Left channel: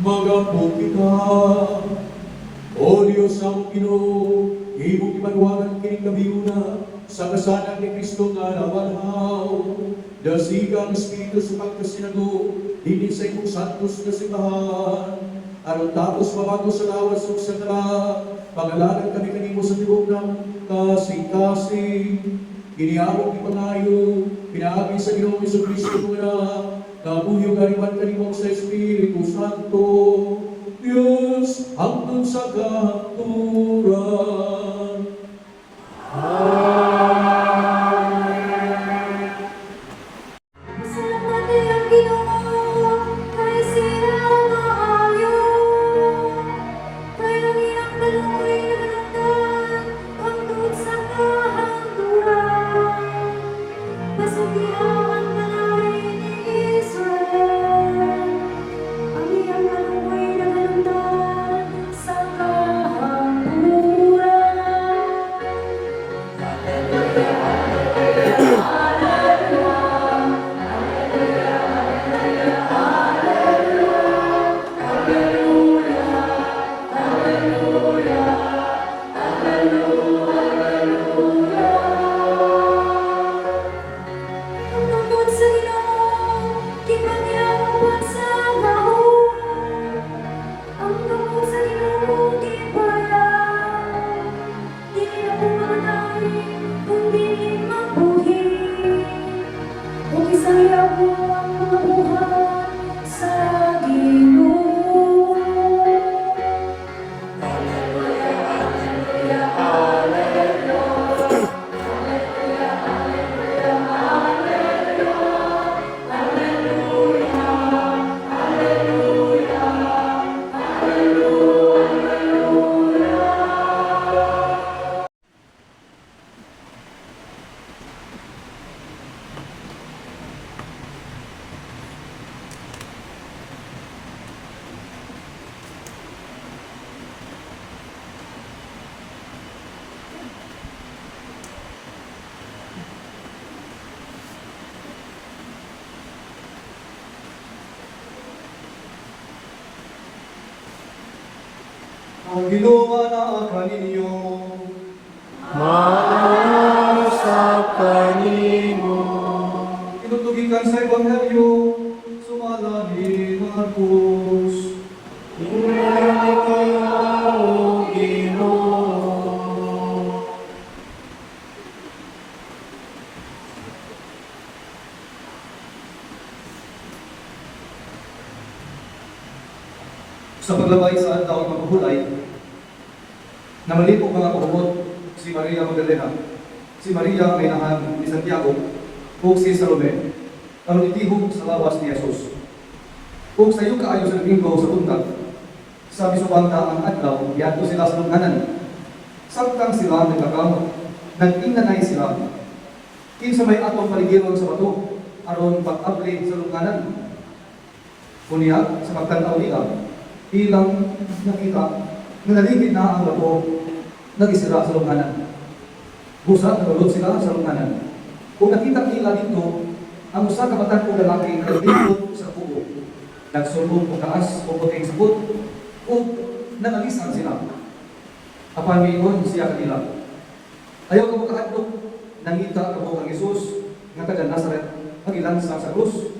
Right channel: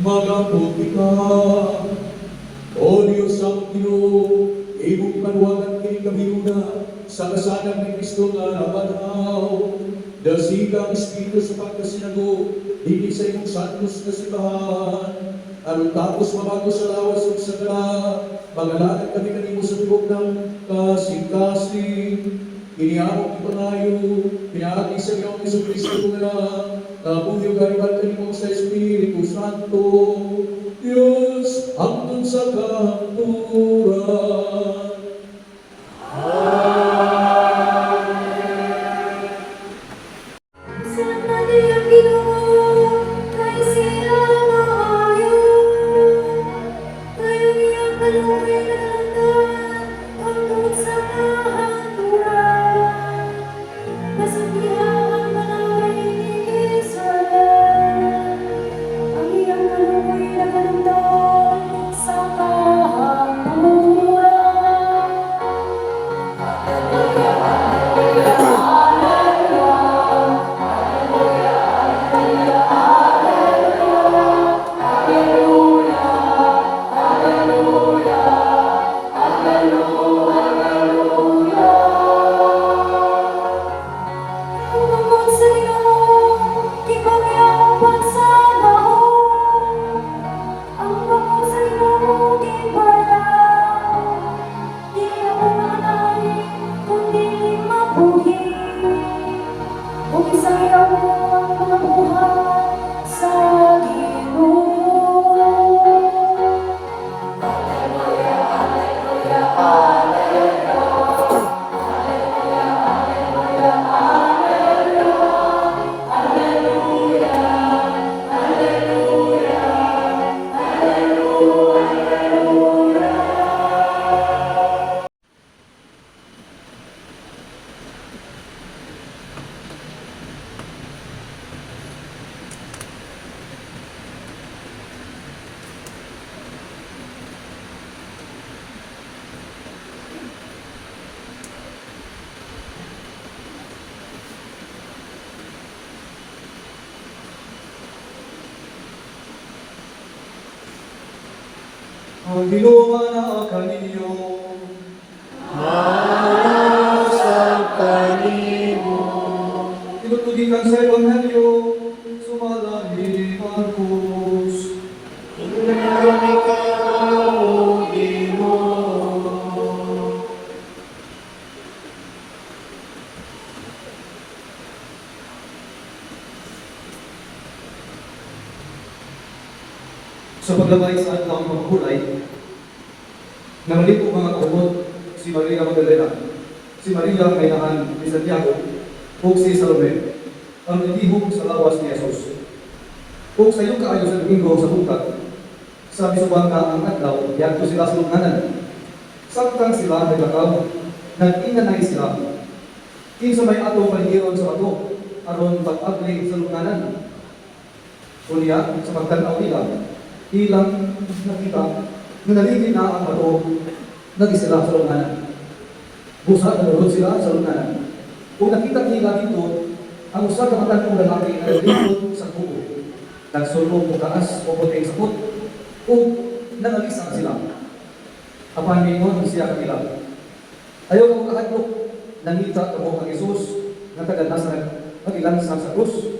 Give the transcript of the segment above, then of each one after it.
Magabuti ka, O Diyos ang Ginoo, imong panuwagan kay kami na sa kasanag ni Kristo nga nabanaw. Dasi ka ang Espiritu sa pagkasinago, hindi sa imong santos na simbahan. Aron tapos mabago sa lawas o sa kala, pangalanan kami kanimo sa tibok ng kasing-kasing. Kiniabot ni Pangayo, pinaagi sa Ginoong Jesucristo nga, kabuyo kariwan kanimo sa Espiritu Santo, Diyos hangtod sa kanturan. Ang ginawa na kaninyo, sa kanimo. tinutugikan sa Ebanghelyo, sumalangin na Marcos. Ingnan ikaw, O Ginoo. Sa paglabay sa adlaw ng maghuhulay, nangalip og mga kaugot si Maria Magdalena, si Maria may naman ni Santiago, ug si Salome, ang itihog sa lawas ni Jesus. Ug sa iyong kaayo sa linggo sa buntag, sa bisubangga ang adlaw, yadto sila sa tunghanan. Samtang sila naglakaw, nag-inanay sila. Kinsa may atong paligiron sa bato, aron pag-abli sa tunghanan. Kunya, sa pagtanaw nila, ilang nakita na naligid na ang bato, nag-isira sa tunghanan. Busa, tulog sila sa tunghanan. Kung nakita nila dito, ang usa ka matag kong lalaki nagdikot sa kubo. Nagsunod o taas o puting sapot o nangagisan sila. Apan mingon siya kanila. Ayaw ko makahadlok, nangita ako kang Jesus nga taga Nazaret, magilansang sa krus.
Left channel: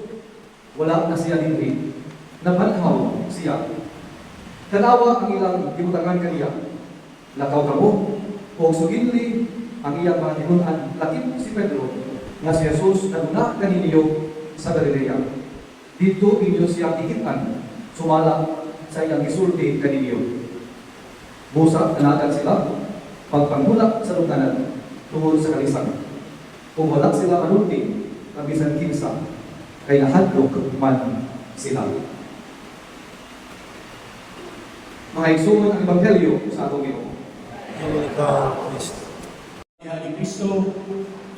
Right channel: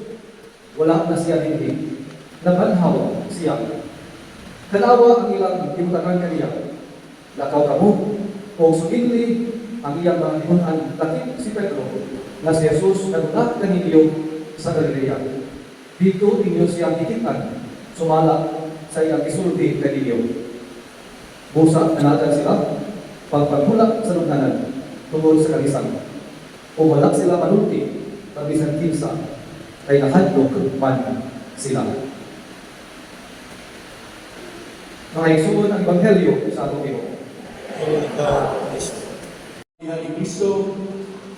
Wala na siya hindi. Nabanhaw siya. Tanawa ang ilang gibutangan kaniya. Lakaw kamo, o sugitli ang iyang mga gihunan, lakip si Pedro, nga si Jesus naguna kaninyo sa Galilea. Dito inyo siya dikitan, sumala sa iyang isulti kaninyo. Busa, nanagan sila, pagpanghulak sa lugnanan, tungkol sa kalisan. Kung wala sila manunti, kabisan kinsa, kay nahadlok man sila. Mga igsuon ang Ebanghelyo sa atong Ginoo. Ikaw, Kristo. Ni Kristo,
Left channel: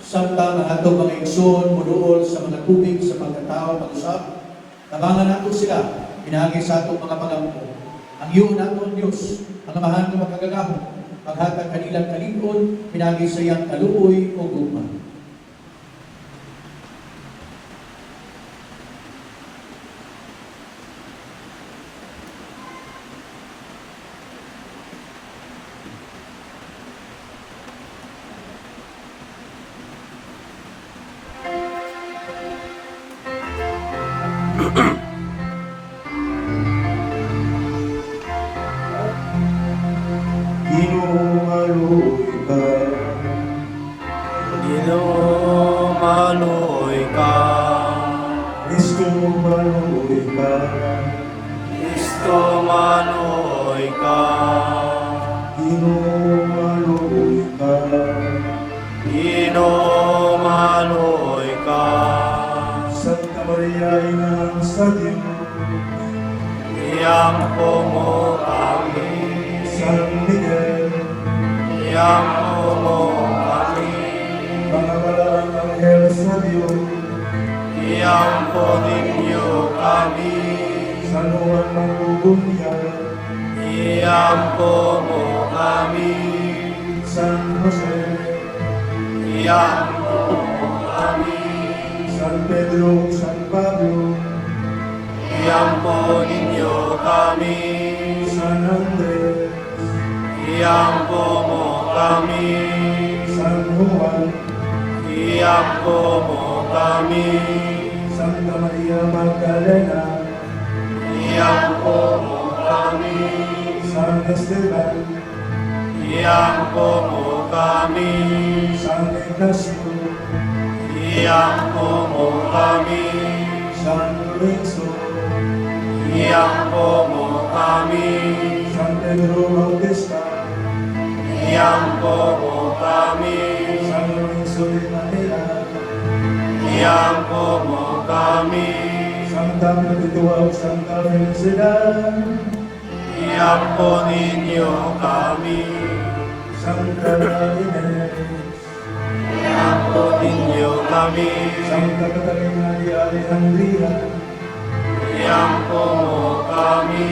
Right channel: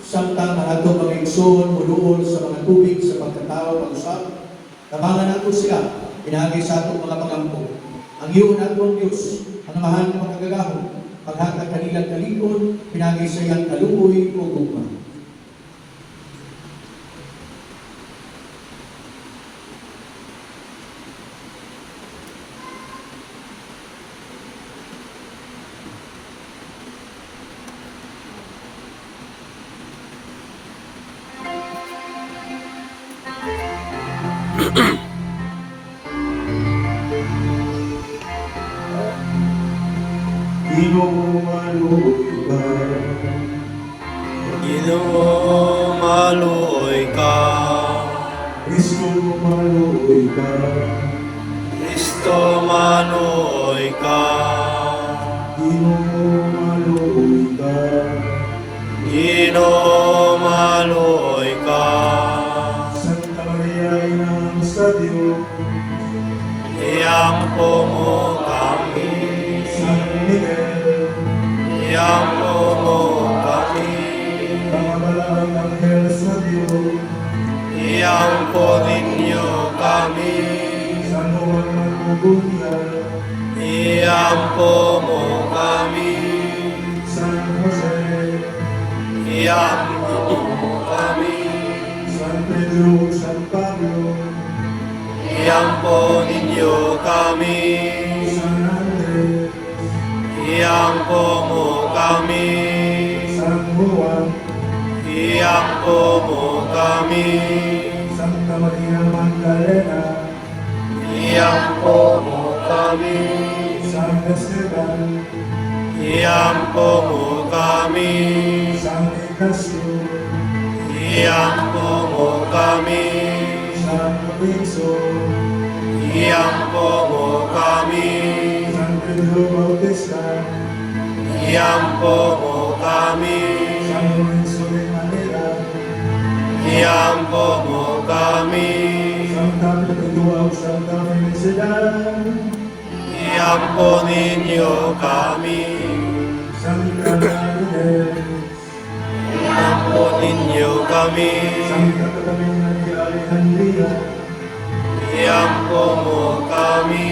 samtang atong mga igsoon muduol sa mga tubig sa pagkatao pag-usap, tabangan nato sila, pinangay sa atong mga pagampo. Ang iyo naton Diyos, ang amahan ng makagagaho, paghatag kanilang kalikon, pinangay sa iyang kaluoy o gugma. Maluoy ka, Ginoo, maluoy ka. Kristo maluoy ka, Kristo, maluoy ka. Ginoo maluoy ka, Ginoo, maluoy ka. Santa Maria Ina sa Diyos, Iyampo mo kami. San Miguel, Iyampo mo kami. mga balaang anghel sa Diyos, Iyampo ninyo kami. San Juan ng Tubunyay, Iyampo mo kami. San Jose, Iyampo mo kami. San Pedro, San Pablo, Iyampo ninyo kami. San Andres, Iyampo mo kami. San Juan, Iyampo mo kami. Santa Maria Magdalena, Iyampo mo kami. San Esteban, Iyampo mo kami. San Ignacio, Iyampo mo kami. San Lorenzo, Iyampo mo kami. San Pedro Bautista, Iyampo mo kami. San Lorenzo de Manila, Iyampo mo kami. Santa Perpetua, Santa Felicidad, Iyampo ninyo kami. Santa Inés, Iyampo ninyo kami. Santa Catalina de Alejandría, Iyampo mo kami.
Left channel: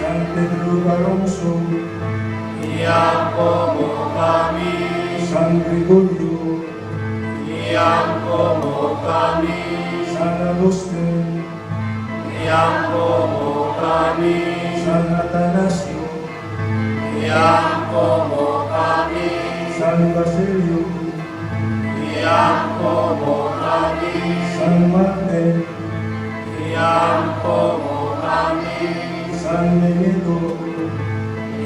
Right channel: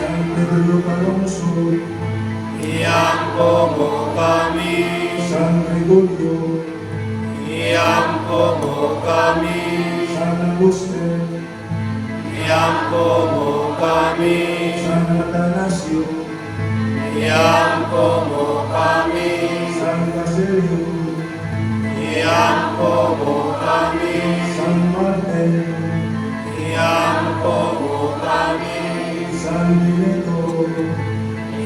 San Pedro Alonso, Iyampo mo kami. San Gregorio, Iyampo mo kami. San Agustín, Iyampo mo kami. San Atanasio, Iyampo mo kami. San Basilio, Iyampo mo kami. San Martin, Iyampo mo kami. San Benito,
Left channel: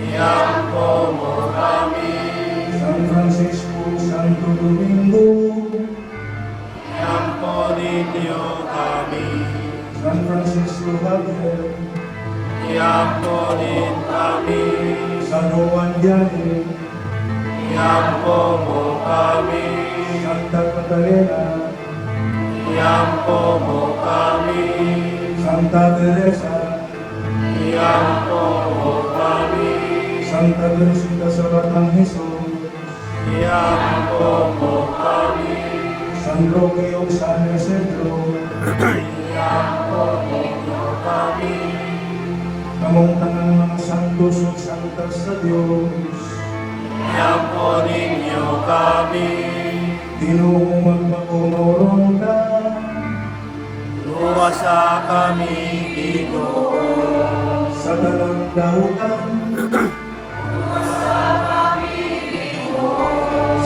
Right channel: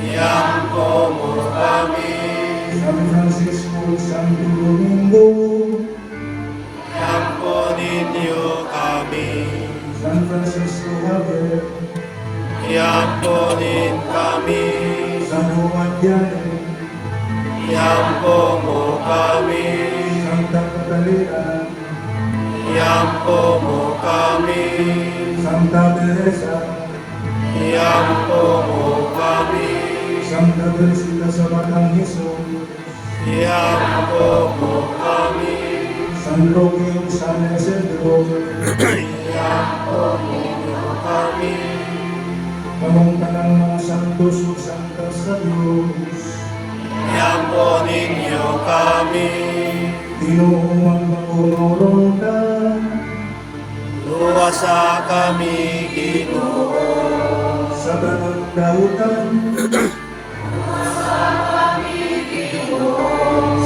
Iampo mo kami, San Francisco, Santo Domingo, iampo ninyo kami, San Francisco Javier, iampo din kami, San Juan Vianney, iampo mo kami, Santa Catalina, iampo mo kami, Santa Teresa, iampo mo kami, Santa Teresita sa Batang Jesus, iampo mo kami, San Roque o San Isidro, iampo ninyo kami, kamong tanang mga santos o santas sa Diyos, iampo ninyo kami, Ginoo magmakulorong ka, luwasa kami, Ginoo, sa tanang dahutan,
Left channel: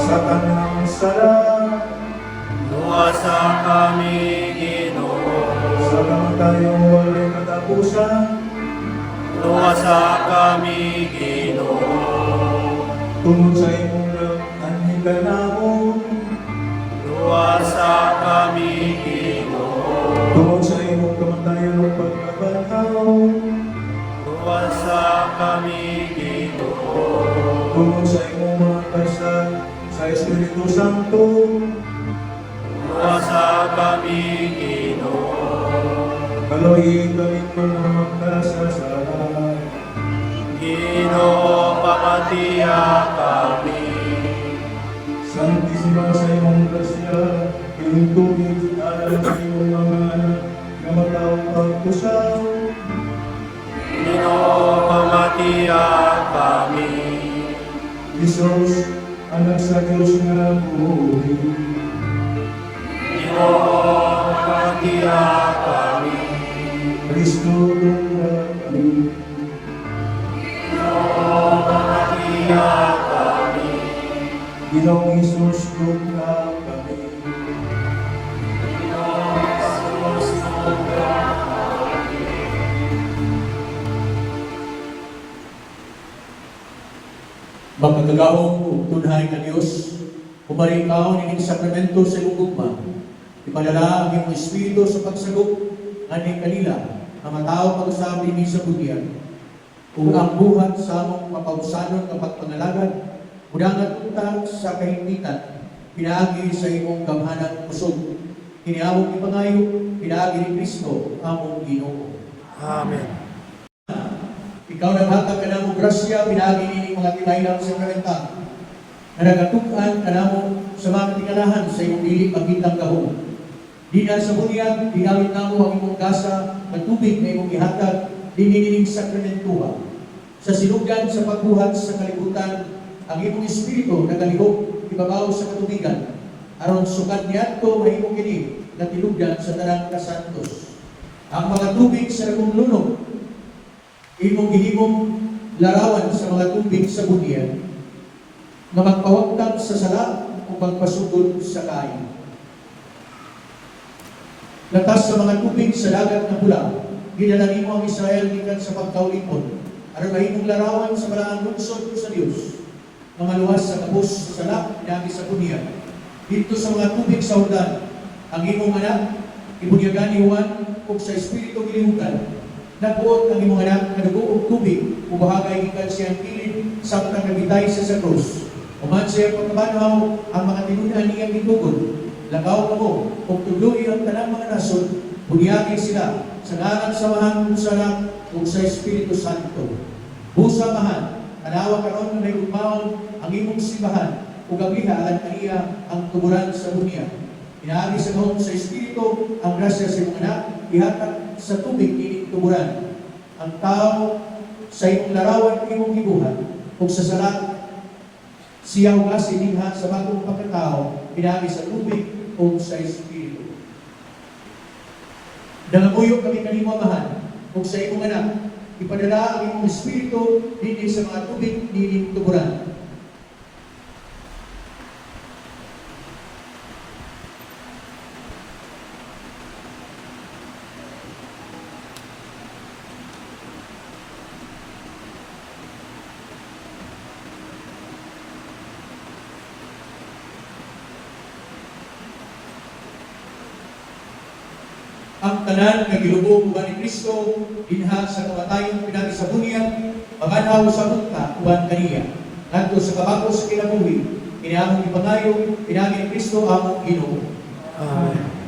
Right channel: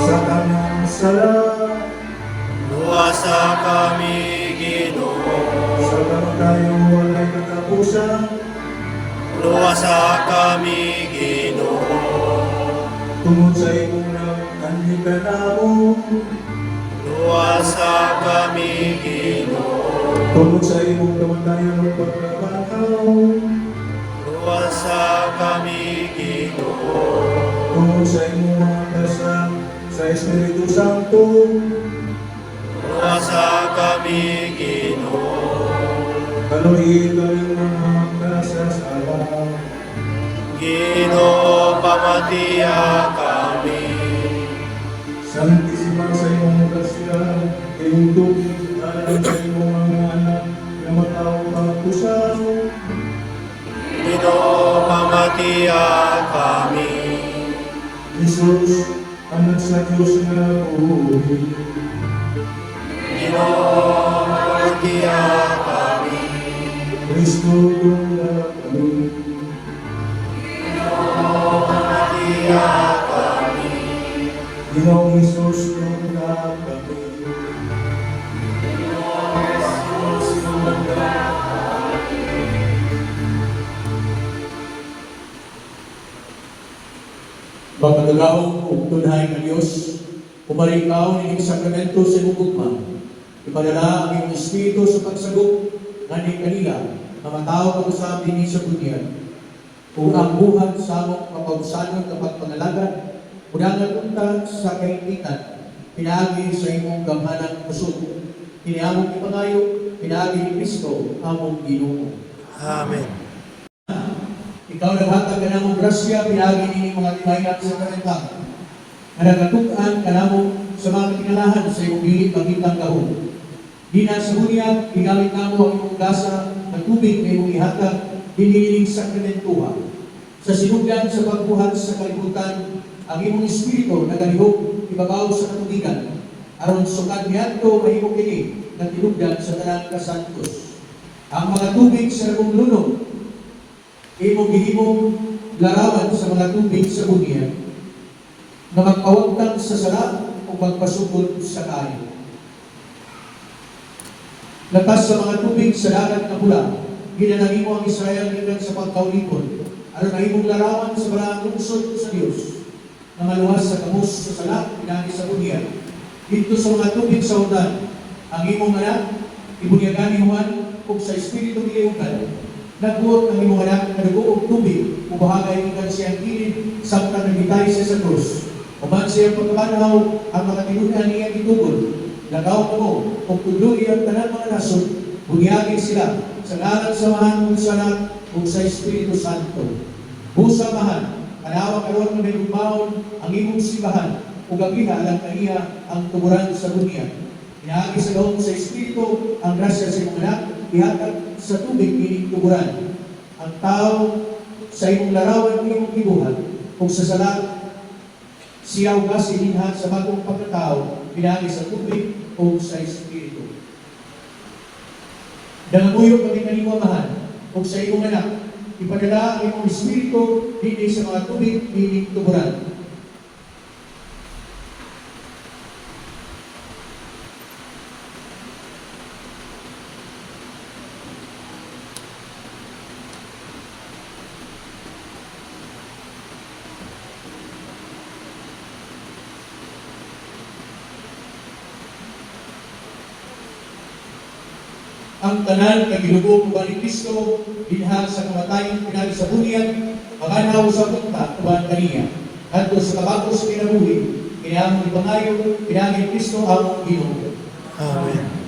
sa kanyang sala, luwasa kami, Ginoo, sa kamatayang walay katapusan, luwasa kami, Ginoo, tungod sa imong nagtanhi ka namon, luwasa kami, Ginoo, tungod sa imong kamatayan o pagkabantaw, luwasa kami, Ginoo, tungod sa imong mga kasal sa Espiritu Santo, luwasa kami, Ginoo, kaluhiin kami mga magkasasala, Ginoo, pamatiya kami, Santisima sa imong kasya, iyong tubig, alam sa imong mga anak, na matawag kang pusaw, Ginoo, pamatiya kami, Jesus, anak sa Diyos na buhay. Ginoo, pamatiya kami, Kristo tunggal kami, pamatiya kami, Ginoong Jesus tunggal kami. Pagkagawang ug tunhay nga Dios, pumarikaw ni sakramento sa gugma. Ipadala ang iyong Espiritu sa pagsagop nga ni kanila na matao pag-usabi ni sa butihan. Kung ang buhat sa among kapausanan ng pagpangalagad, udangan unta sa kainitan, pinaagi sa imong gamhanang pusog. Kiniamong ipangayo, pinaagi ni Kristo, among Ginoo. Amen. Ikaw naghatag ka namong grasya, pinagi ini mga tinayang sa kanentang. Naragatuan ka namong sa mga tingalahan sa iyong dili pagkitang kahon. Di na sa bunyag, ginamit namo ang imong gasa, ang tubig na imong ihatag, diniling sa kanentuha. Sa sinugdan sa pagbuhat sa kalibutan, ang imong espiritu nagalihok, ibagaw sa katubigan. Aron sukat niadto mahimo kini na tinugdan sa tanang kasantos. Ang mga tubig sa imong lunog, imong gihimong larawan sa mga tubig sa bunya na magpawagtang sa sara o magpasugod sa kain. Latas sa mga tubig sa dagat na pula, ginanangin mo ang Israel gikan sa pagkaulipon, aron mahimong larawan sa balaang lungsod sa Dios na maluwas sa kabus sa sala, pinagi sa bunya. Dito sa mga tubig sa udan, ang imong anak, ibunyagan ni Juan, kung sa Espiritu gilihugan, nagbuot ng imong anak na nag-uog tubig, ubahagay gikan siyang kilid, samtang nagitay siya sa krus. Uman siya pagkabanhaw ang mga tinunan niyang itugod. Lagaw mo, kung tuloy ang tanang mga nasod, bunyagin sila sa ngalan samahan sa anak o sa Espiritu Santo. Busamaan, tanawa karon na igumawon ang imong simbahan, o gabiha alang kaniya ang tuburan sa bunya. Inaagi sa gawong sa Espiritu ang grasya sa imong anak, ihatag sa tubig ining tuburan. Ang tao sa imong larawan ng imong gibuhat, kung sa sala, siyaw ba silinha sa bagong pagkatao, pinagi sa tubig o sa Espiritu. Dangabuyo kami kanimamahan, kung sa imong anak, ipadala ang imong Espiritu, hindi sa mga tubig, ining tuburan. ang tanan nga gilubog uban ni Kristo dinha sa kamatayon pinagi sa bunyan paganaw sa punta uban kaniya ngadto sa kabako sa kinabuhi kinahanglan ipangayo pinagi ni Kristo ang Ginoo. Amen.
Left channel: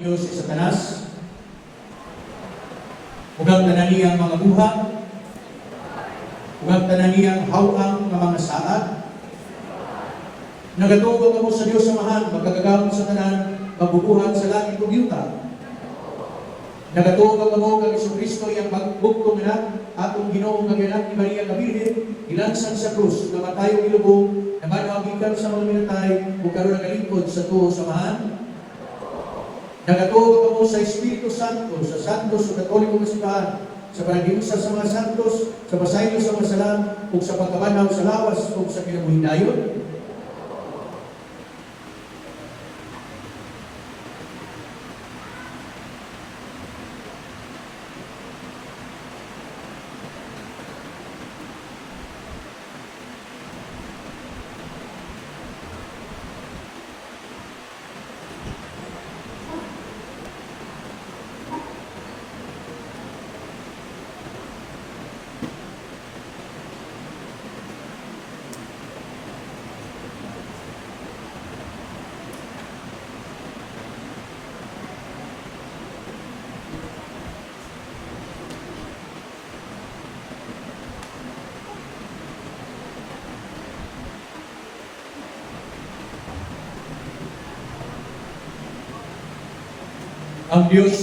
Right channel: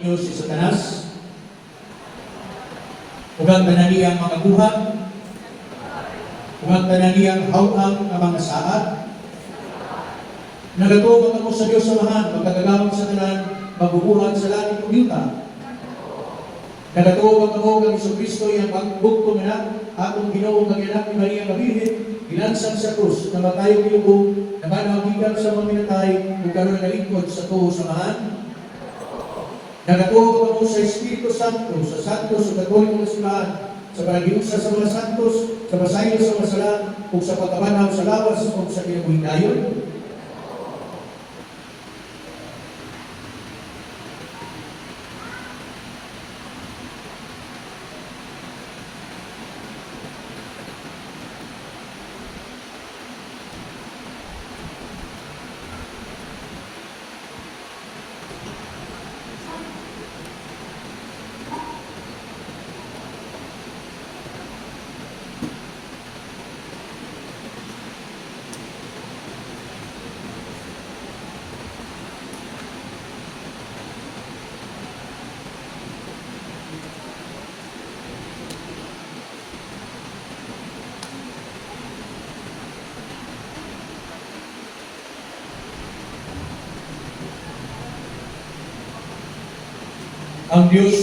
Diyos si Satanas, ug ang tanan niyang mga buhat, ug ang tanan niyang hawang nga mga saad. Nagatuo kamo sa Dios samahan, magkagagamot sa tanan, mabubuhat sa langit ug yuta. Nagatuo kamo kang Jesucristo yang magbugtong na akong Ginoo nga anak ni Maria nga Birhen, ilansang sa krus, namatayo ilubong, namanawagikan sa mga minatay, ug karon nalingkod sa tuho samahan. Nagatuo kamo sa Espiritu Santo, sa santos sa katolikong simbahan, sa panagiusa sa mga santos, sa pasayo sa mga sala, ug sa pagkabanaw sa lawas ug sa kinabuhing dayon. Ang Diyos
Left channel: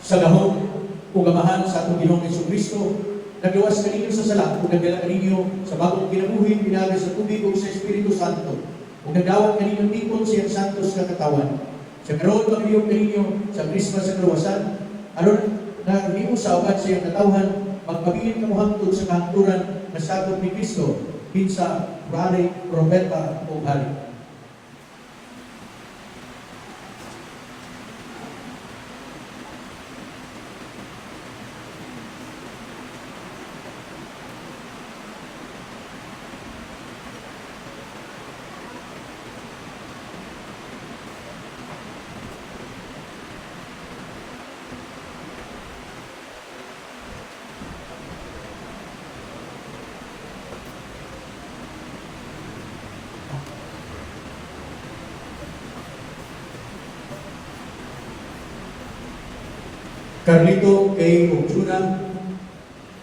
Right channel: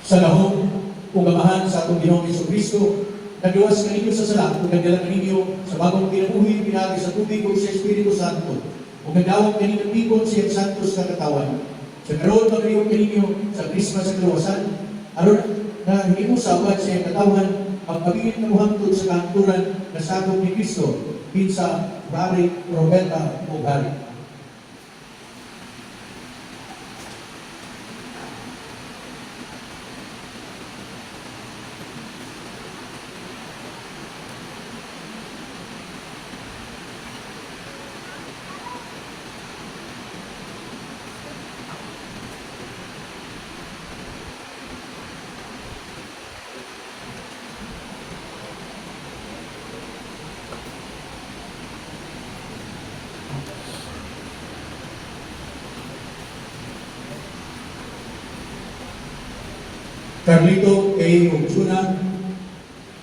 sa lahom ug amahan sa atong Ginoong Jesucristo nagluwas kaninyo sa sala ug nagdala kaninyo sa bagong kinabuhi pinagi sa tubig ug sa Espiritu Santo ug nagdawat kaninyo ng tipon siyang santos nga katawan. Sa karon magayong kaninyo sa Krismas sa kaluwasan aron na hindi mo sa ugat siyang katawan magpabilin kamo hangtod sa kahangturan na sakop ni Kristo kinsa bari propeta o bari. Carlito kay Ugsuna,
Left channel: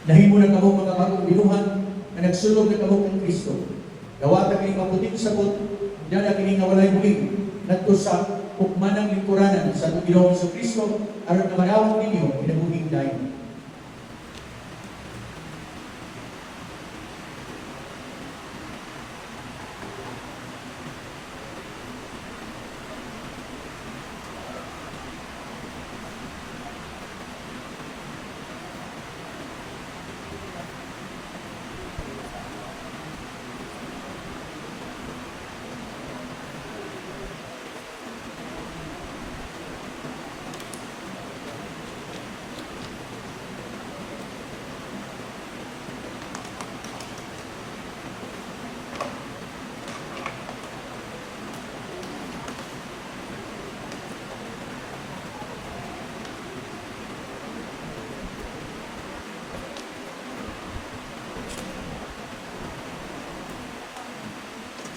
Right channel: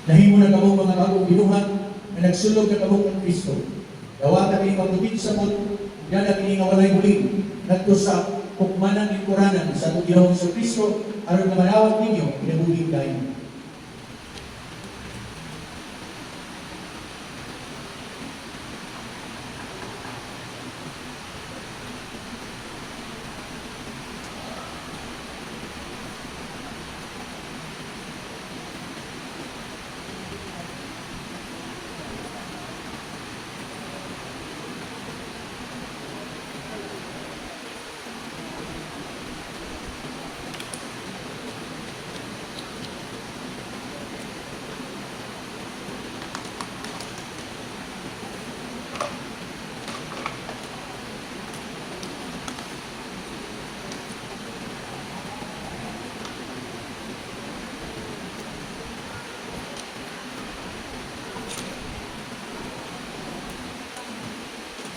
nahimo na kamo mga bagong binuhan na nagsulog na kamo ng Kristo. Dawatan kay mabuting sabot, dala kini nga walay bulig, ngadto sa hukmanan ng Quranan sa Ginoong sa Kristo, aron na manawat ninyo kinabuhing dayon.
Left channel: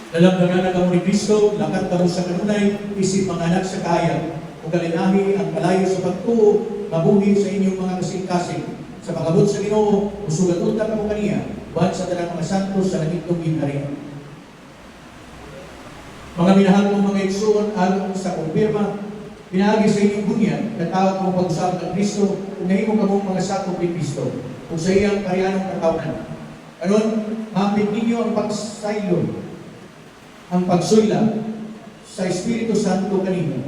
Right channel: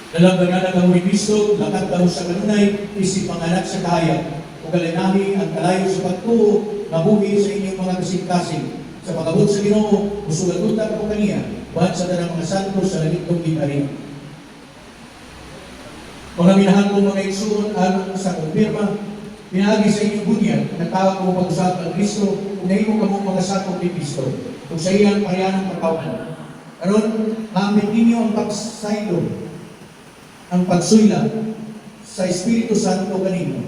Dalamdagan ang ni Kristo, lakad kamo sa kanunay, isip panganak sa kaya, ug kalinahi ang kalayo sa pagtuo, mabuhi sa inyong mga kasing-kasing. Sa pagabot sa Ginoo, usugat-unta ko kaniya, buhat sa tanang mga santo sa langitong gitarin. Mga minahal ko mga igsuon, aron sa kumpirma, pinaagi sa inyong bunyan, natawag ko pag-usap ng Kristo, kung nahimo ka mong mga sakop ni Kristo. kung sa iyang kahayanang pagkaunan. Karon, maambit ninyo ang pagsaylo, ang pagsuyla sa Espiritu Santo kanino.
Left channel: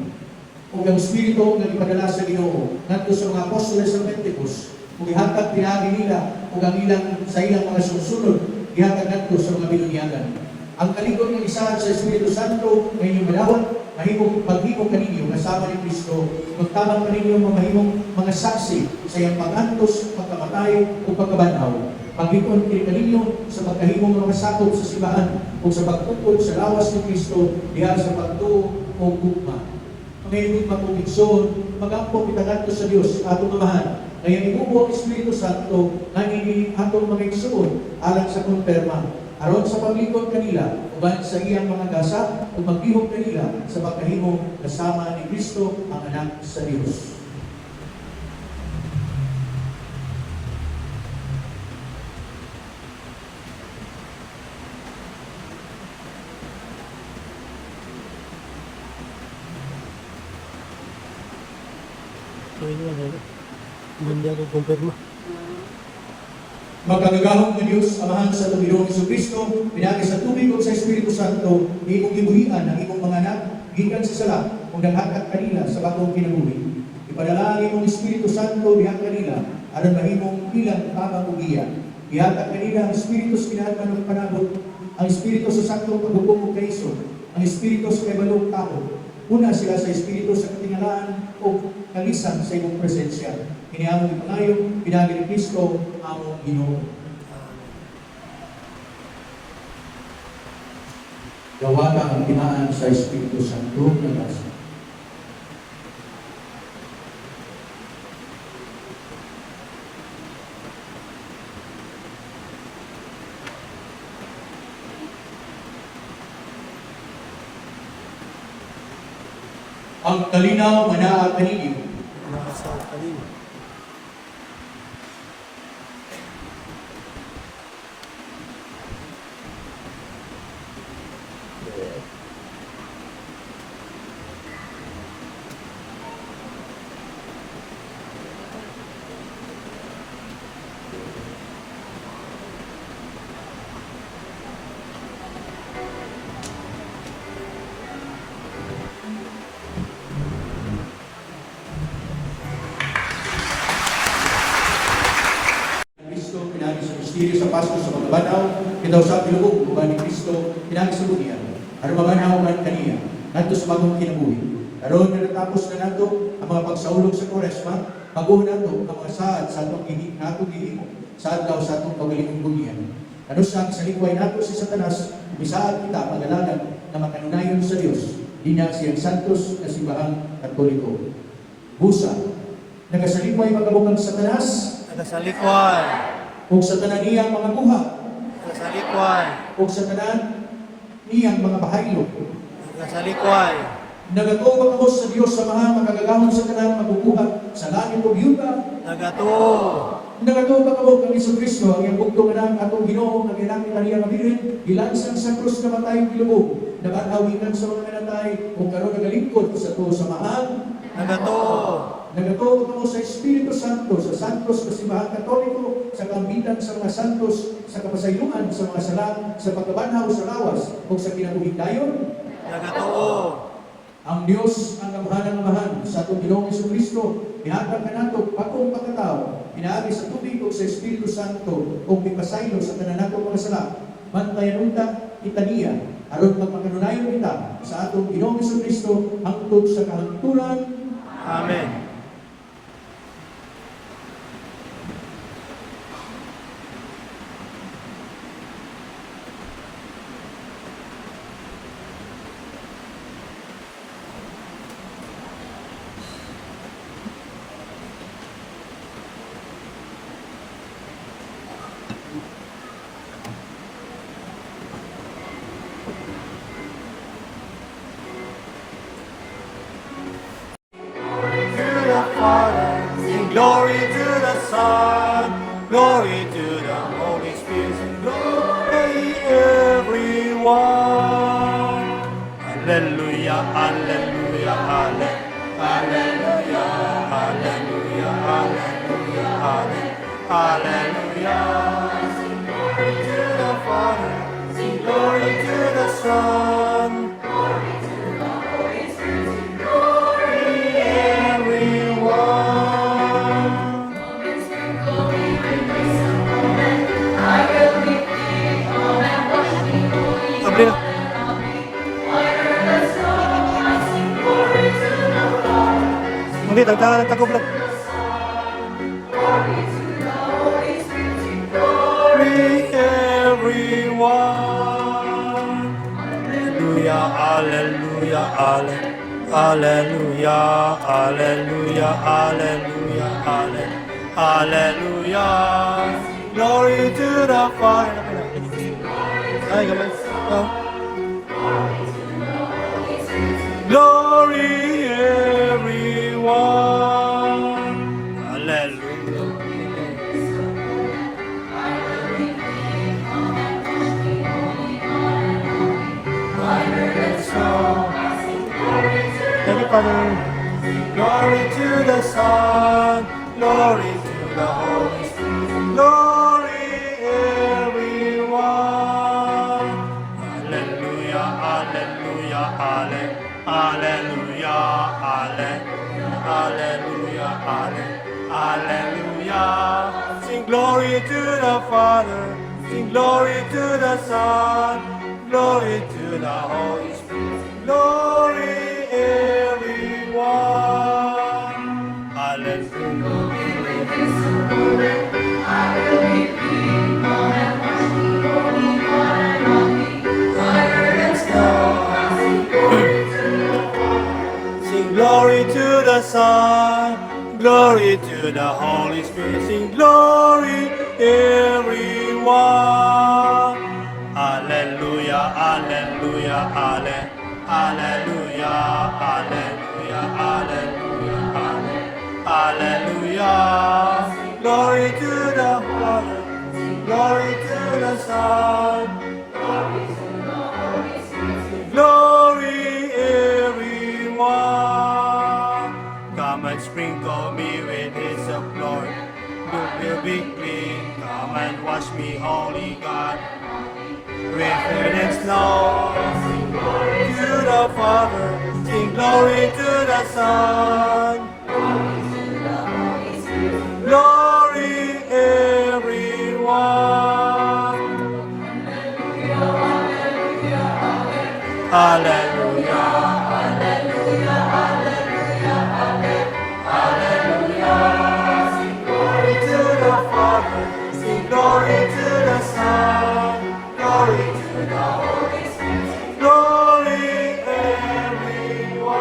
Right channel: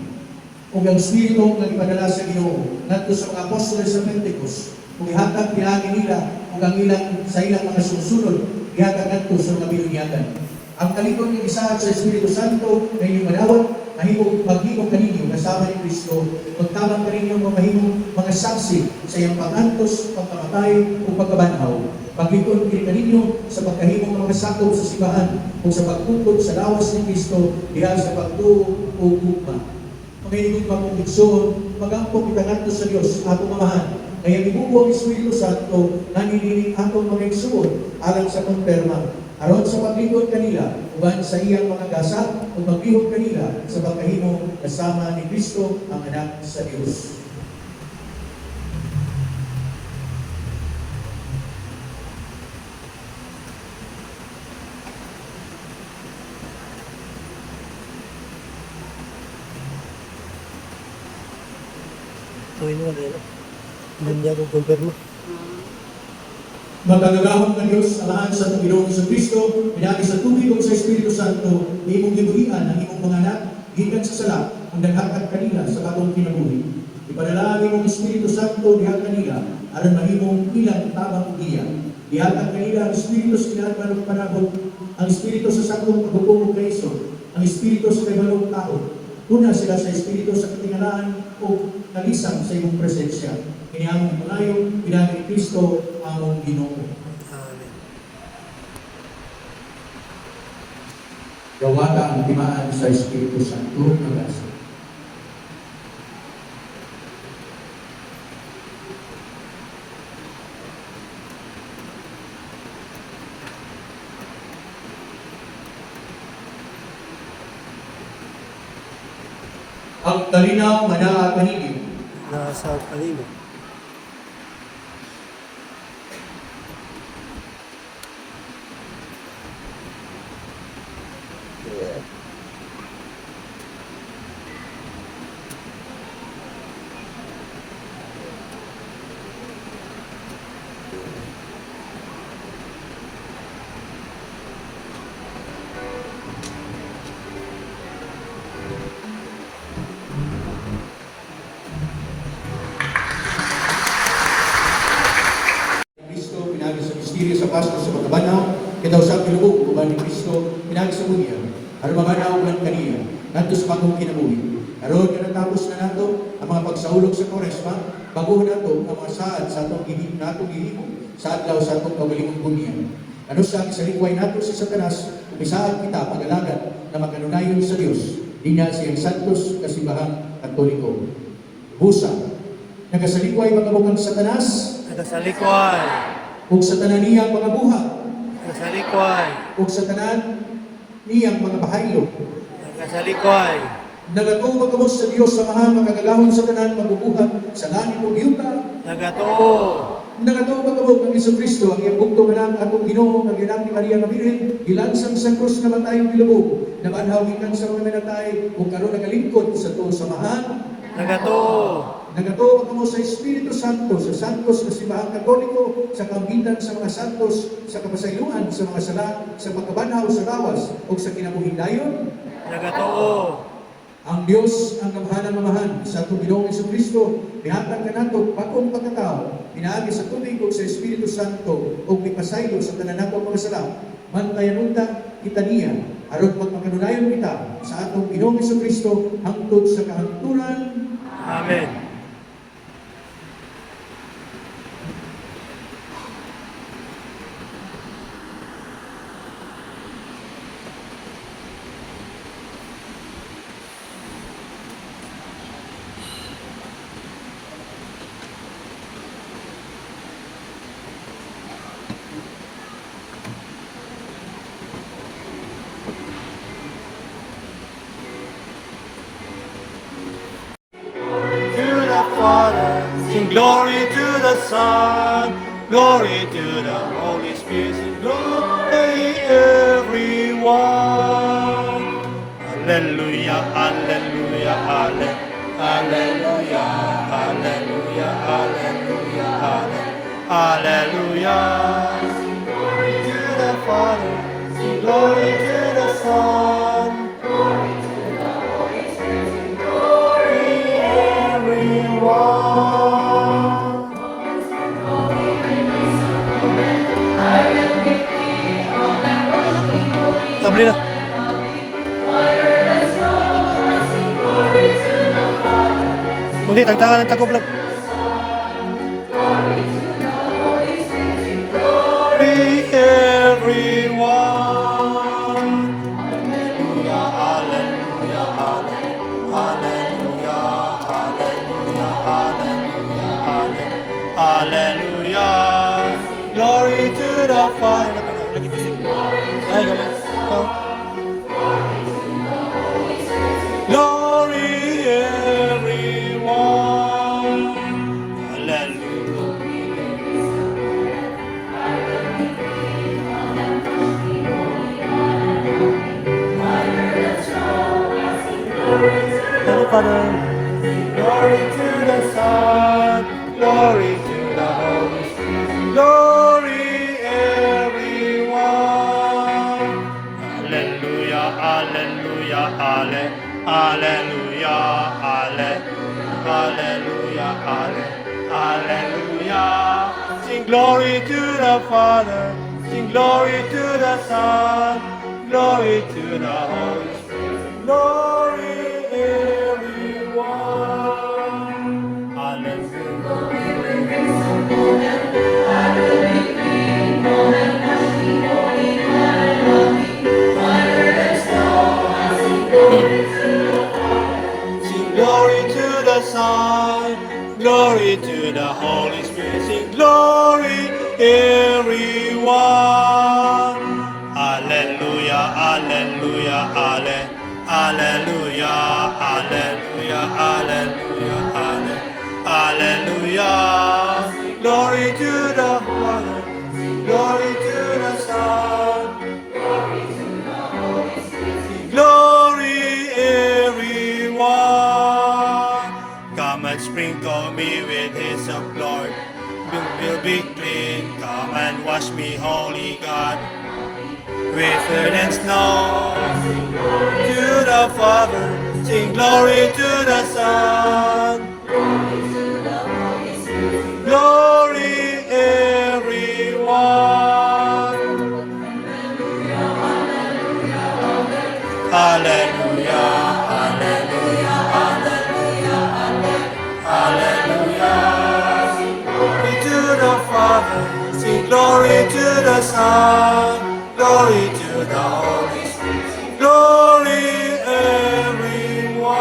Kung ang Espiritu nga ipadala sa Ginoo ngadto sa mga apostoles sa Pentecost, kung ihatag pinagi nila ug ang ilang sa ilang mga susunod, ihatag ngadto sa mga binunyagan. Ang kalikod ng isahan sa Espiritu Santo na inyong madawat, mahimong paghimong kaninyo kasama ni Kristo, magtaman kaninyo mahimong mga saksi sa iyang pag-antos, pagkamatay o pagkabanhaw. Paglikod kini kaninyo sa pagkahimong mga sakop sa simbahan o sa pagtukod sa lawas ni Kristo diha sa pagtuo o gugma. Mga inyong pagkumbikson, mag-angkop itangadto sa Dios atong Amahan. Kaya ibubo ang Espiritu Santo naninining atong mga igsuon alang sa konterma. Aron sa paglingkod kanila, uban sa iyang mga dasal o maglihok kanila sa pagkahimong kasama ni Kristo ang anak sa Dios. So, yun nga din. Hindi ako kumpirmo. Magkagagahong ka Diyos, Amahan sa itong Ginoong Jesucristo, pinagi sa tubig o sa Espiritu Santo, imong gibuhian ang imong mga anak, gikan sa sala, kung naghakat kanila sa bagong kinabuhi. Ipadala ang imong Espiritu Santo diha kanila, aron mahimong ilang tabak o giya. Ihatag kanila ang Espiritu sa kinahanglan ng panahon, ang Espiritu sa saktong paghukom o kaison, ang Espiritu sa kaibalong tao. Una sila sa Espiritu sa katingalaan o kalisang sa imong presensya. Kinihamong pangayo, pinagi ni Kristo, among Ginoo. Amen. Gawata ang timaan sa Espiritu Santo ng Gasa. Ang kalinaw manaa kanini. Nasa kanino. Kristo, pinagi sa misteryo sa Pasko sa pagkabanaw, kitaw sa pinubog, uban ni Kristo, pinagi sa buhiya, aron mabanaw kan kaniya, ngadto sa bagong kinabuhi. Karon nga natapos na nato ang mga pagsaulog sa Koresma, bago nato ang mga saad sa atong gihimo, sa adlaw sa atong kaugalingong buhiya. Ano sa kisalikway nato si Satanas, misaad kita pag-alagan na makanunayon sa Dios, dinya siyang santos kasimbahan Katoliko. Busa, nagasalikway magabukang Satanas, Nasa likway. ug sa tanan niyang mga buhat, Nasa likway. ug sa tanan niyang mga bahaylo. Nasa likway. Nagatuo kamo sa Dios sa mahal magagahon sa tanan mabubuhat sa langit ug yuta. Nagato. Nagatuo kamo kang Jesucristo ang iyang bugtong anak atong Ginoo nga gilang ni Maria nga Birhen, gilansang sa krus na matay bilubog, namanhawinan sa mga minatay ug karon nagalingkod sa tuo sa mahal. Nagato. Nagatuo kamo sa Espiritu Santo, sa santos na simbahan Katoliko, sa kambitan sa mga santos, sa kapasayloan sa mga sala, sa pagkabanhaw sa lawas ug sa kinabuhing dayon. Nagato. Ang Dios ang kamahal-amahan sa atong Ginoong Jesucristo, pihatag ka nato bagong pagkatao, pinaagi sa tubig ug sa Espiritu Santo ug mipasaylo sa tanan natong mga sala. Mantayan unta kita niya, aron magmakanunayon kita sa atong Ginoong Jesucristo hangtod sa kahangturan. Amen. To the Father, sing glory to the Son, glory to the Holy Spirit, sing glory everyone. Hallelujah, hallelujah, hallelujah, hallelujah, hallelujah, hallelujah, Hallelujah. Sing glory to the Father. Sing glory to the Son. Glory to the Holy Spirit. Sing glory, everyone. Sabli na. Hindi, tagtangan ng tagob lang. Glory everyone. Hallelujah, hallelujah, hallelujah, hallelujah, hallelujah, hallelujah. Glory to the Father. Ay, gamay. Oh. Glory everyone. Hallelujah. Holy Father, glory to the Son, glory to the Holy Spirit, glory everyone. Hallelujah, hallelujah, hallelujah, hallelujah, hallelujah. Sing glory to the Father, sing glory to the Son, glory to the Holy Spirit, glory everyone. Hallelujah. Sing glory to the Son, glory to the Holy Spirit, sing glory everyone. Hallelujah, hallelujah, hallelujah, hallelujah, hallelujah, hallelujah. Glory to the Father, glory to the Son, glory everyone. Come and sprinkle me with His glory. You will be clean. Come and wash me, Holy God, with earth and snow. To the Father, sing glory to the Son. Glory everyone. Hallelujah, hallelujah, hallelujah, hallelujah. Sing glory to the Father, sing glory to the Son, glory to the Holy Spirit, sing glory everyone.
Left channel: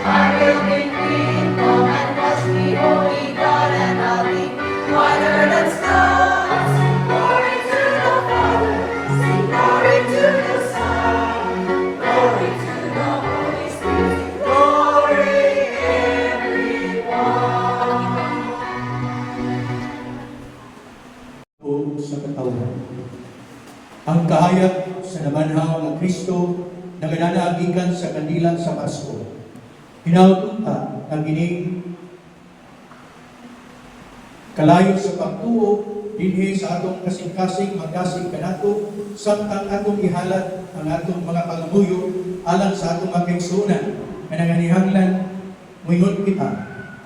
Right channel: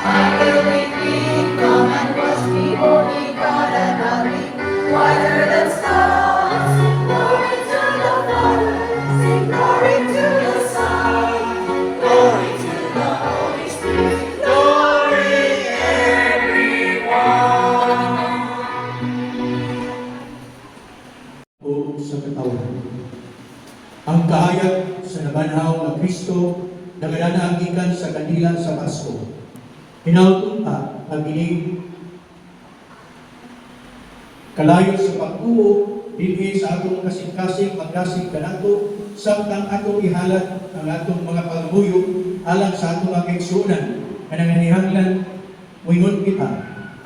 I will be clean, come and wash me, holy God, and I'll be whiter than snow. Sing glory to the Father, sing glory to the Son, glory to the Holy Spirit, glory everyone. O sa katawan. Ang kahayag sa nabanhaw ng Kristo na gananaagikan sa kanila sa Pasko. Hinautong ang gining kalayo sa pagtuo dinhi sa atong kasing-kasing magdasig kanato samtang atong ihalad ang atong mga pangabuyo alang sa atong magigsunan nga nanganihanglan moingon kita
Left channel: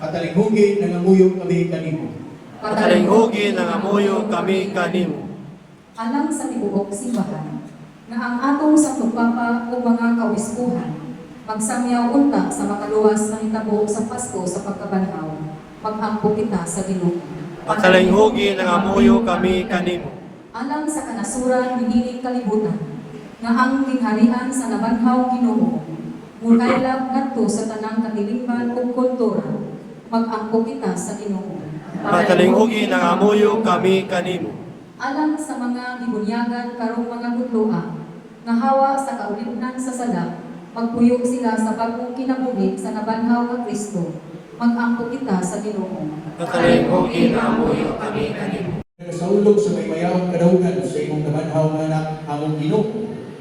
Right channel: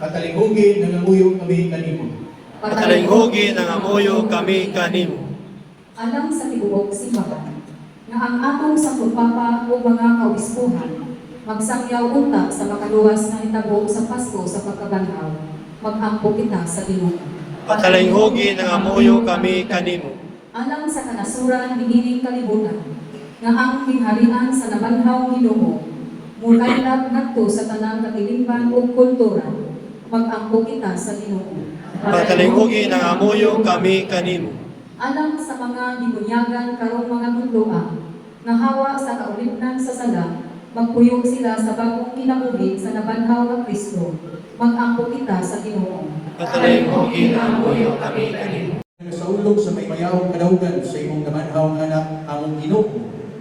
katalinghugi nangamuyo kami kanimo. Katalinghugi ng amuyo kami kanimo. Alang sa tibuok simbahan, nga ang atong sangkupapa o mga kawispuhan, magsangyaw unta sa makaluwas na hitabo sa Pasko sa pagkabanhaw, mag-ampo kita sa Ginoo. Katalinghugi ng amuyo kami kanimo. Alang sa kanasuran hiniling kalibutan, nga ang gingharian sa nabanhaw Ginoo, mulaylab ngadto sa tanang katilingban o kultura, mag-ampo kita sa Ginoo. Katalinghugi ng amuyo kami kanimo. Alang sa mga gibunyagan karong mga tudloa, nga hawa sa kaulipnan sa sala, magpuyo sila sa bagong kinabuhi sa nabanhaw nga Kristo, mag-ampo kita sa Ginoo. Katalinghugi ng amuyo kami kanimo. Sa ulog sa may mayahong kadaugan sa imong nabanhaw nga anak among Ginoo,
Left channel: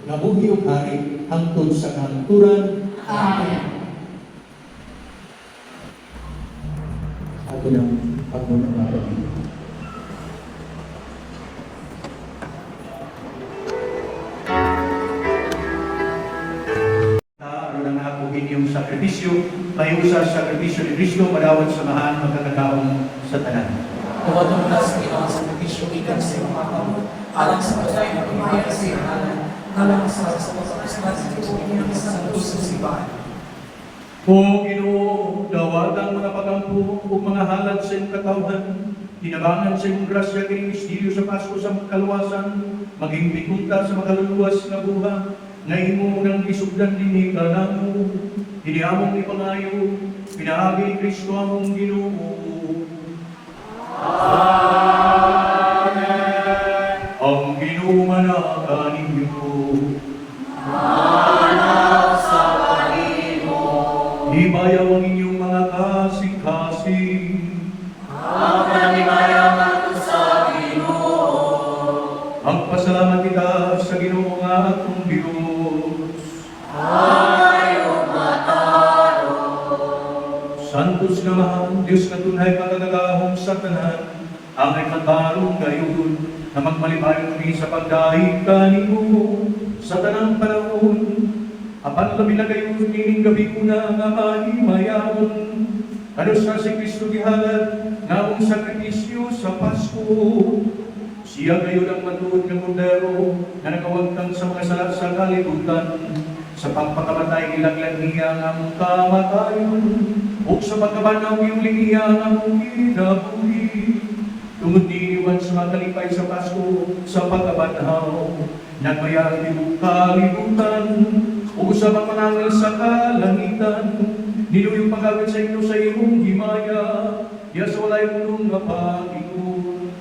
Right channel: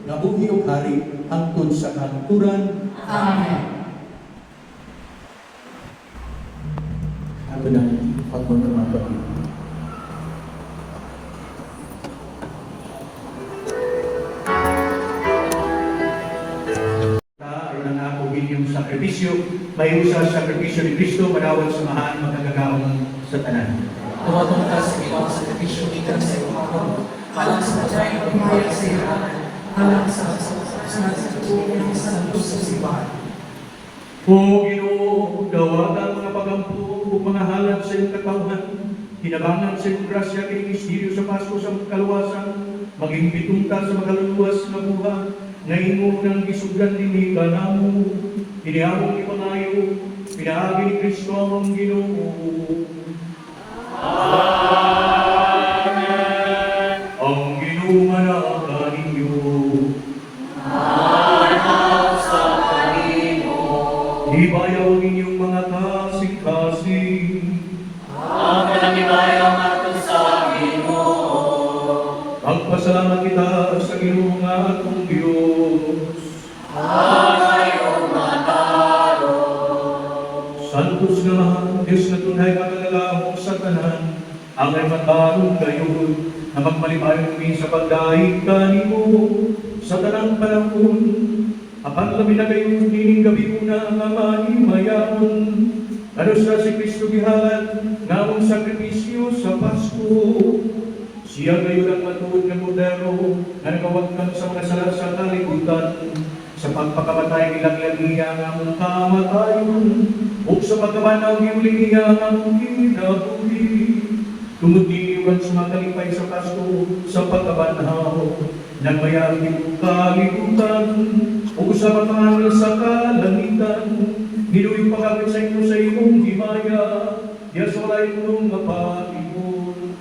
nga buhi ug hari hangtod sa kahangturan. Amen. ko ng pagmamahal. Aron ang ako inyong sakripisyo, may usa sa sakripisyo ni Kristo, madawat samahan magkakakaon sa tanan. Huwag mo na sa ginawa sa napisyo ikan sa iyong mga alang sa patay ng imaya sa iyong alam, alang sa pagkakasna sa tuwing sa nagpusong simbahan. O Ginoo, dawatan mga pagampo o mga halad sa iyong katawhan, hinabangan sa iyong grasya kini mistiryo sa Pasko sa kaluwasan, maging bitunta sa makaluluwas na buha, nga imo nang isugdan din kanamo, iniabong ipangayo, pinaagi ni Kristo among Ginoo. Amen. Ang ginumanaka ninyo. Manaw sa Panginoon. Hibayaw ang inyong mga kasing-kasing. Ang pananibayang ato sa Ginoo. Magpasalamat kita sa Ginoo nga atong Diyos. Ayaw mataro. Santos nga, Diyos na tunay pagkagalahong sa tanan, ang ay matang gayon na magmalipayon kami sa pagdaig kanimo sa tanang panahon. Apan kami na gayon dining gabi na ang amay mayamon. Ano siya si Kristo gihalad na among sakripisyo sa Pasko. Siya gayon ang matuod ng modero na nagawagkan sa mga sala sa kalibutan. Sa pagpakamatay ilaglag niya ang among kamatayon. O sa pagkabanaw yung linya ng kinabuhi. Tungod diwan sa mga kalipay sa Pasko, sa pagkabanaw, nagmayari yung kalibutan. O sa pagkangangil sa kalangitan, niluyong pagkakit sa inyo sa iyong himaya, yasolay mong napatigon.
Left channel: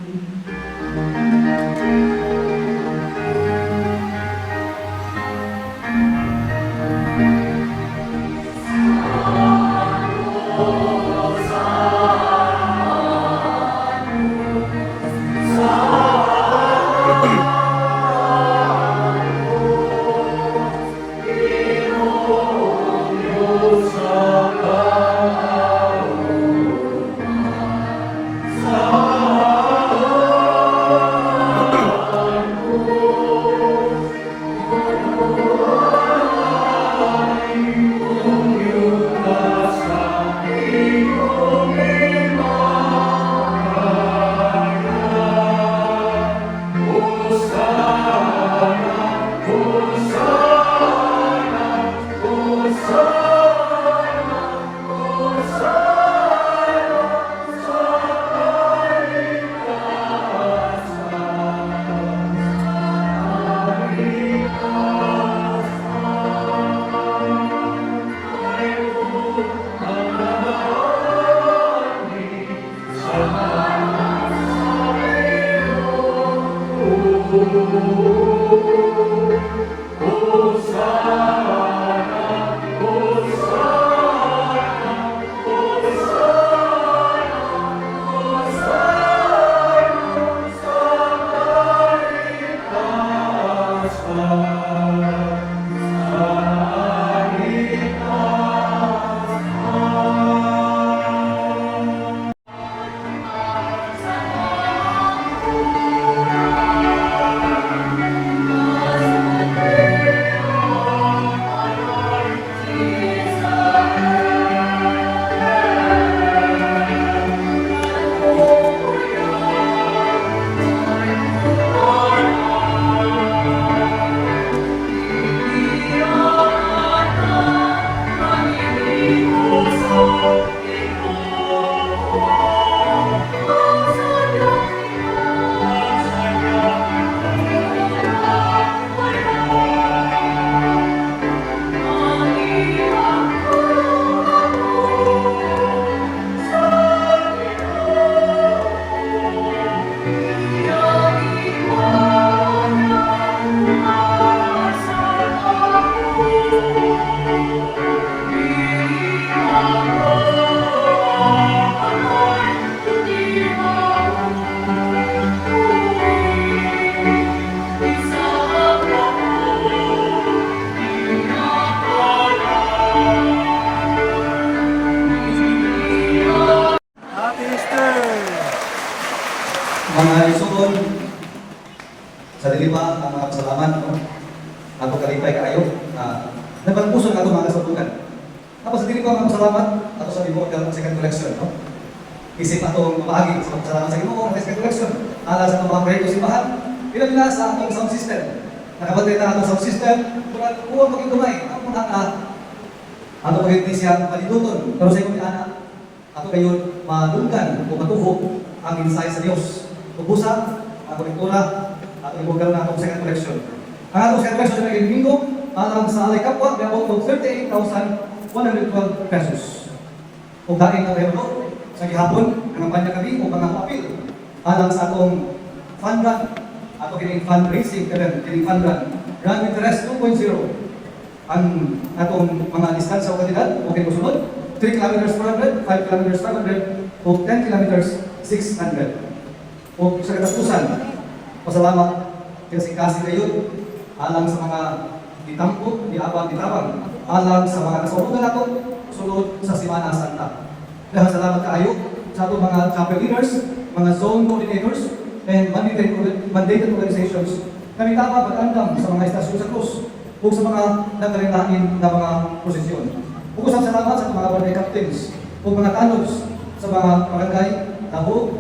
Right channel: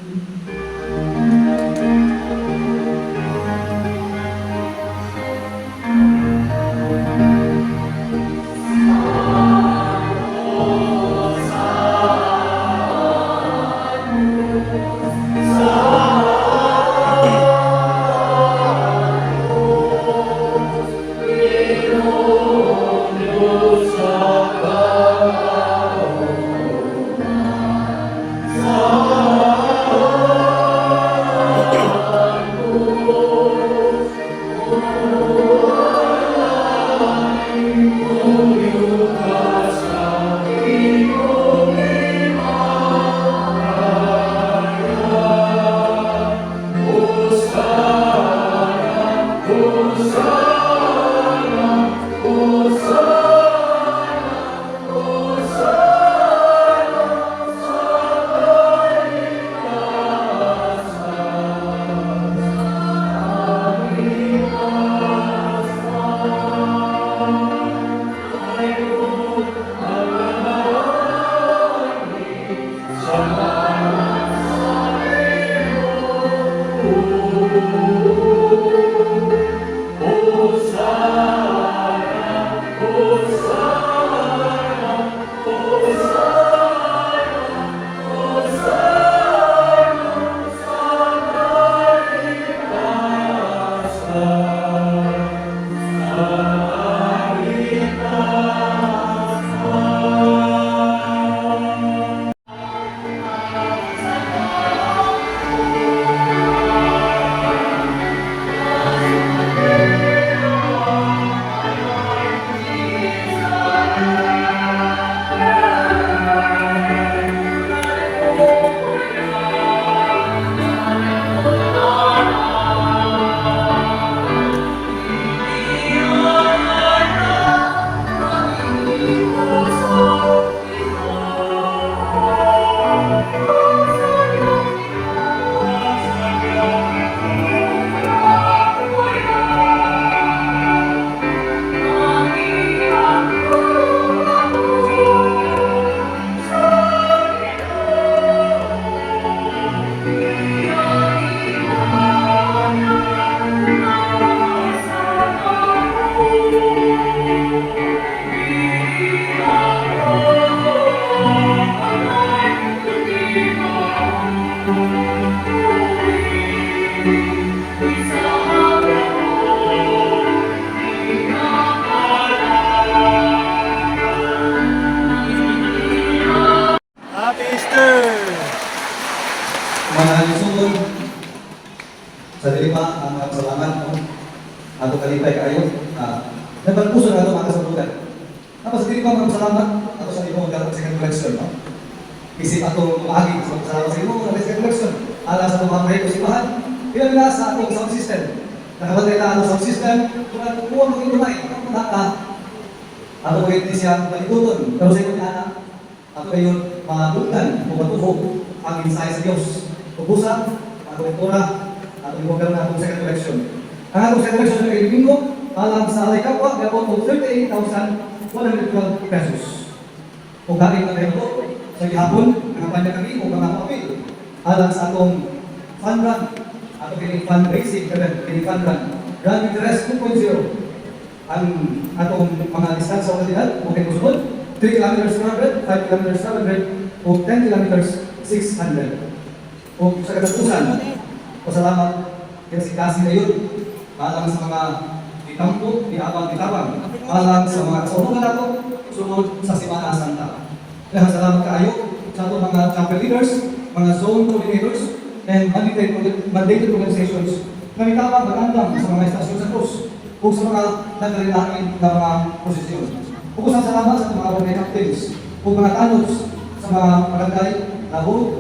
Sa Mga isuon, sa dili pa ang mga pasalamat, no? Ato kalipay kayo, nagpagpuso na ito mga kasabukan. Tapos sa dili pa mga pasalamat, ato sa imo ang second collection, no? Isip atong bahagi sa pasalamat sa imo ang second collection. Ala sa itong mga simbahan, ilang na sa atong sound system. Nakabatay na ang sound system, kung ang uwang magigumay, ang mga ato pagkakita siya malituton, pero sa inyo anak, ato kayo madunggan o matuhog ang insight sa Diyos. Pupusan, ang kolektora, at yung pagkaroon na itong second collection. Ang atong second collection ng linggo, alang sa alay kapwa, may about 38,112 pesos. Kung kain na kayo sa gihapon, ang kampanya kami, o mga apil, alang sa atong fund run, ato kining fundraising, kining fund run, run interest 2.0. Ang atong mga distansya o kandidat, okay po sunod, 3 kilometers 400, 5 kilometers 500, o 10 kilometers 600. O sa katapusan, pasalamat kasi kayo alang sa mga ditampo, diabang, alang sa mga kasaunungan nato, sunod sa Simana Santa. Kaya salamat kayo sa atong mga chapel leaders, mga zone coordinators, and mandated organizations na mitapa mag-andam sa mga estasyon sa krus o sa mga nagkarindahin na mga posisyon. Bukos ang salamat sa mga barangay captains o mga tanos sa mga barangay Tabo,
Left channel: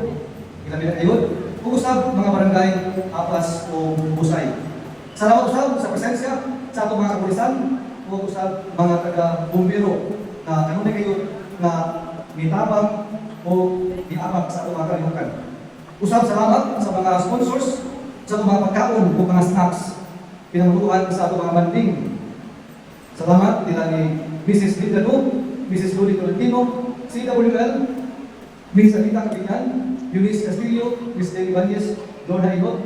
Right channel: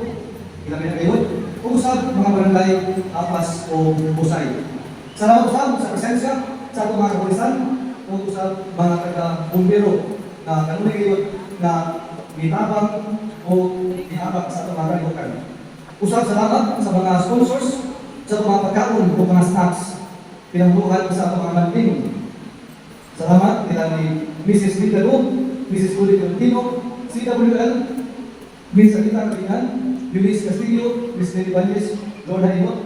Ilamina Kayon, bukos ang mga barangay Apas o Busay. Salamat usab sa presensya sa atong mga kapulisan o usab mga taga-bumbero na kanunay kayo na mitabang o diabang sa atong mga kalimutan. Usab salamat sa mga sponsors sa atong mga pagkaon o mga snacks pinangbuhan sa atong mga banding. Salamat nila ni Mrs. Linda Lu, Mrs. Luli Tolentino, CWL, Ms. Anita Kabinan, Eunice Castillo, Ms. Nelly Banjes, Lord Hainot,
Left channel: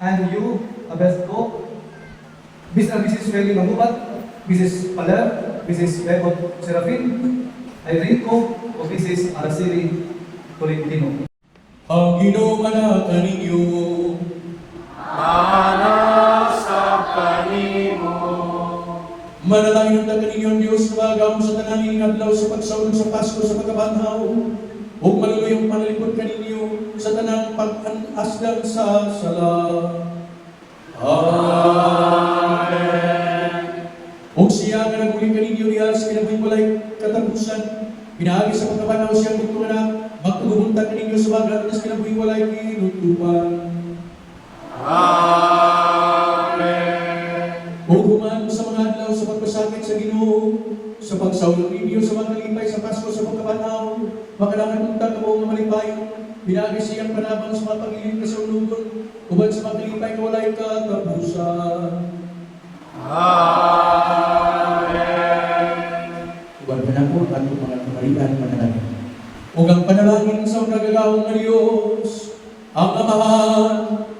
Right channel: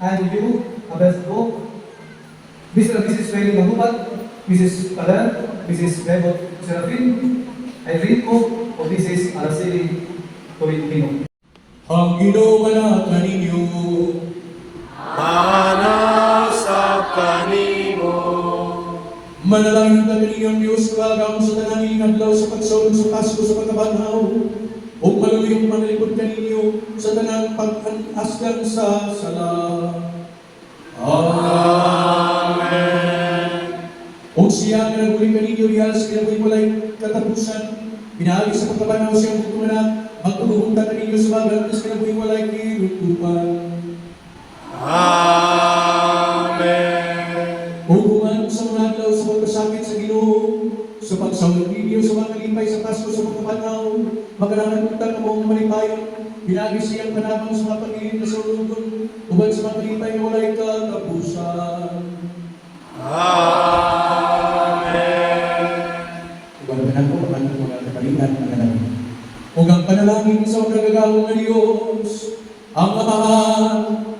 and you, Abesco, Mr. and Mrs. Freddy Mangubat, Mrs. Paler, Mrs. Bebot Serafin, Irene Ko, o Mrs. Araceli Tolentino. Ang ginawa ninyo, Mana sa kanimo. manalangin na kaninyong Diyos, pagamo sa tanganing adlaw sa pagsulong sa Pasko sa pagkabanhaw, o maluluyong panalipod kaninyo sa tanang pag-anasdan sa sala. Amen. O siya na nagmuling kaninyo diha sa kinabuhi walay katapusan, pinahagi sa pagkabanhaw siyang kung na magtugunta kaninyo sa bagat sa kinabuhi walay kirutupan. Amen. Hukuman sa mga adlaw sa pagpasakit sa Ginoo, sa pagsawag ninyo sa mga kalipay sa Pasko sa pagkabanaw, makalangan punta ka mong malipay, binagi siyang panabang sa mga pag-ilim na saulugon, uban sa mga kalipay na walay katapusan. Amen. Uban ka na po ang tanong mga kamalian na namin. Kung ang panalangin sa magagawang ng Diyos, ang Ama,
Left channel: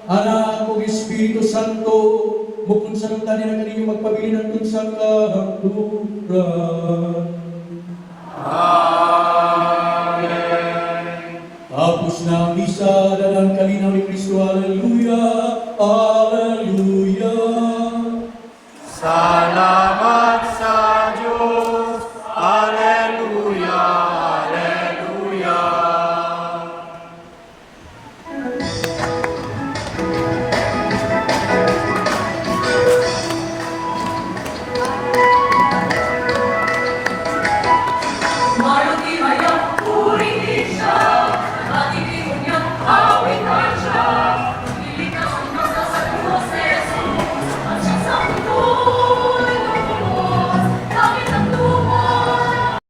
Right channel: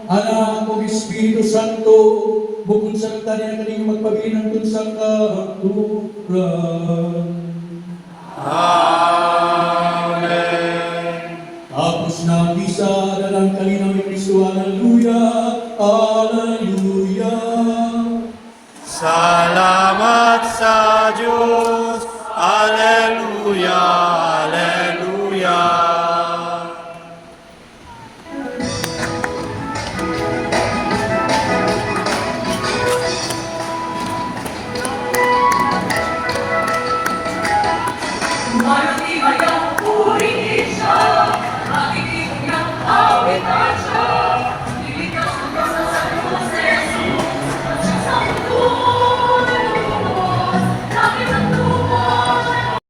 Anak o Espiritu Santo, bukod sa nang tali na kaninyong magpabili ng tunsang kahaturan. Amen. Tapos na ang misa, dalang kalinaw ni Kristo, Alleluia, Alleluia. Salamat sa